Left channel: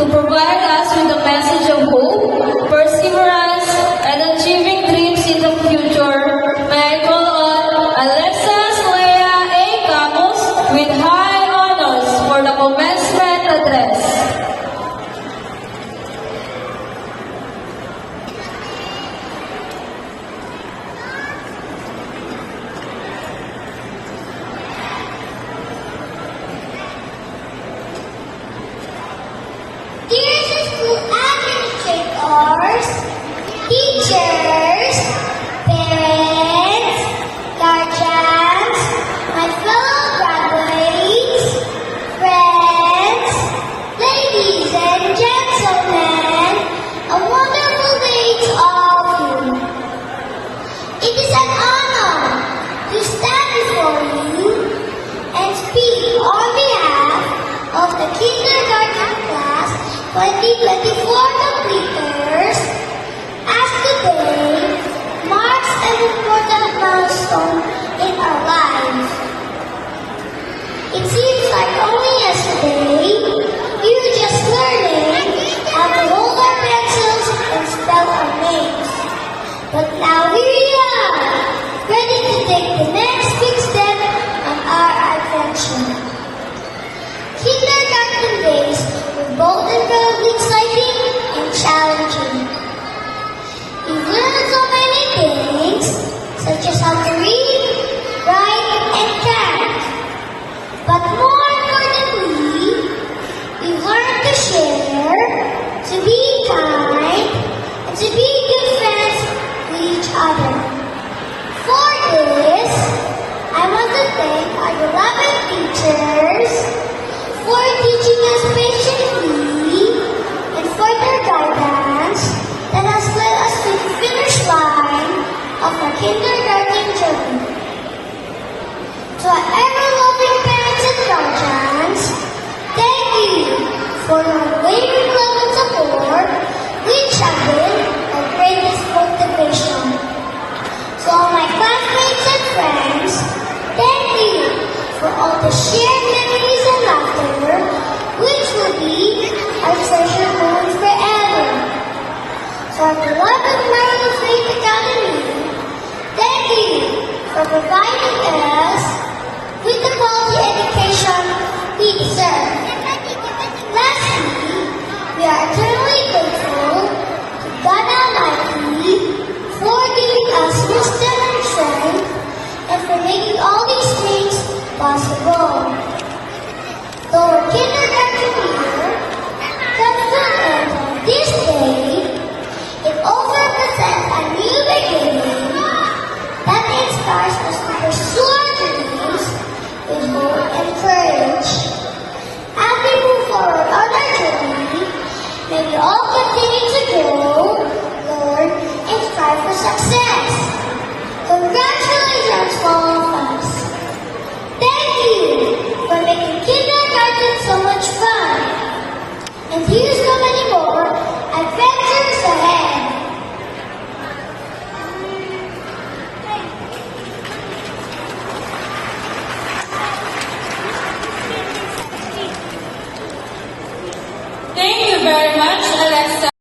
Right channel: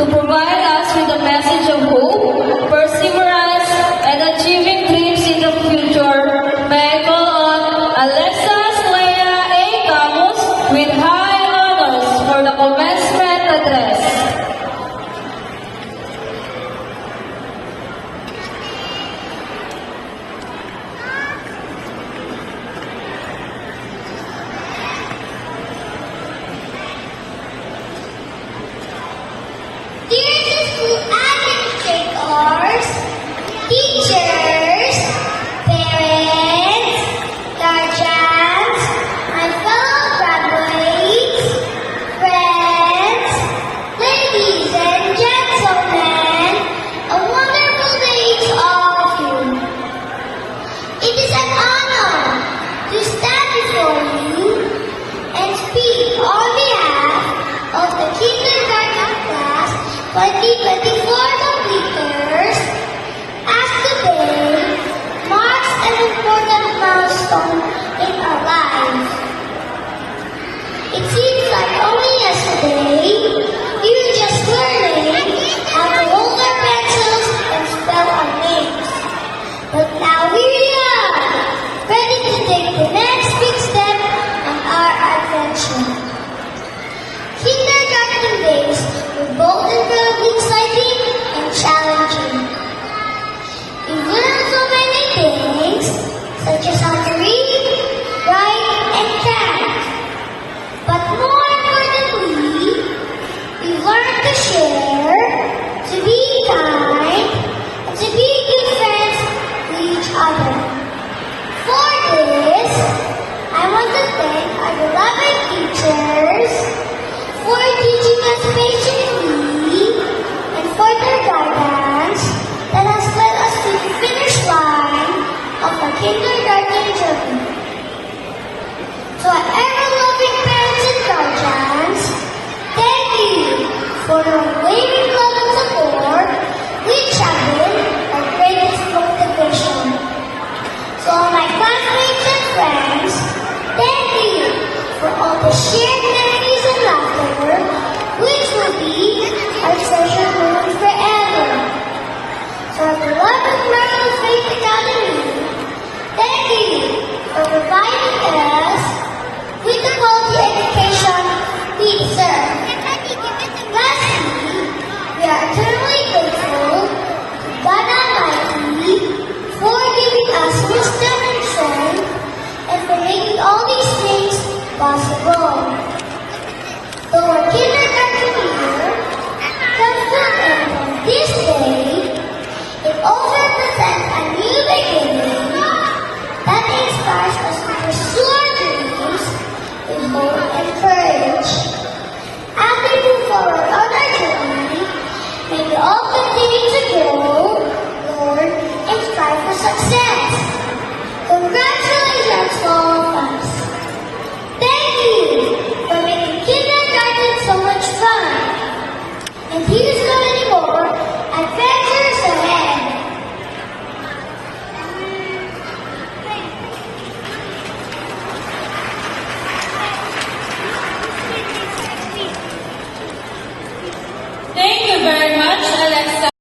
to provide us with a message of hope, perseverance, and achieving dreams in the future. May I call on Alexis Lea A. Camus with high honors for the commencement address. Dear school administrators, teachers, parents, guardians, my fellow graduates, friends, ladies and gentlemen, a wonderful day to all of you. It is an honor to stand before you and speak on behalf of the kindergarten class 2024 completers, as today marks an important milestone in our lives. It seems like only yesterday we were just learning how to hold our pencils and spell our names. But now we are ready to take the next big step on our adventure. Kindergarten days were both incredibly exciting and challenging. We learned so many things, such as how to read, write, and count. But more importantly, we learned to share, to be kind, and to be good friends to each other. For this, I want to thank our beloved teachers for teaching us patiently and for their guidance that has led us to the finish line of our kindergarten journey. To our ever-loving parents and guardians, thank you for your unwavering love and support, which have been our greatest motivation. To all my classmates and friends, thank you for all the shared memories and laughter, which will be our treasure moment forever. To our beloved Michael Faith Academy, thank you for providing us with the quality education we deserve. Lastly, we are eternally grateful to God Almighty for giving us wisdom and strength and for making all these things possible. Though our kindergarten year comes to an end on this day, it also represents a new beginning that inspires us to pursue our dreams with hope and courage. As we move forward on our journey, may we all continue to grow, learn, and strive for success. Congratulations!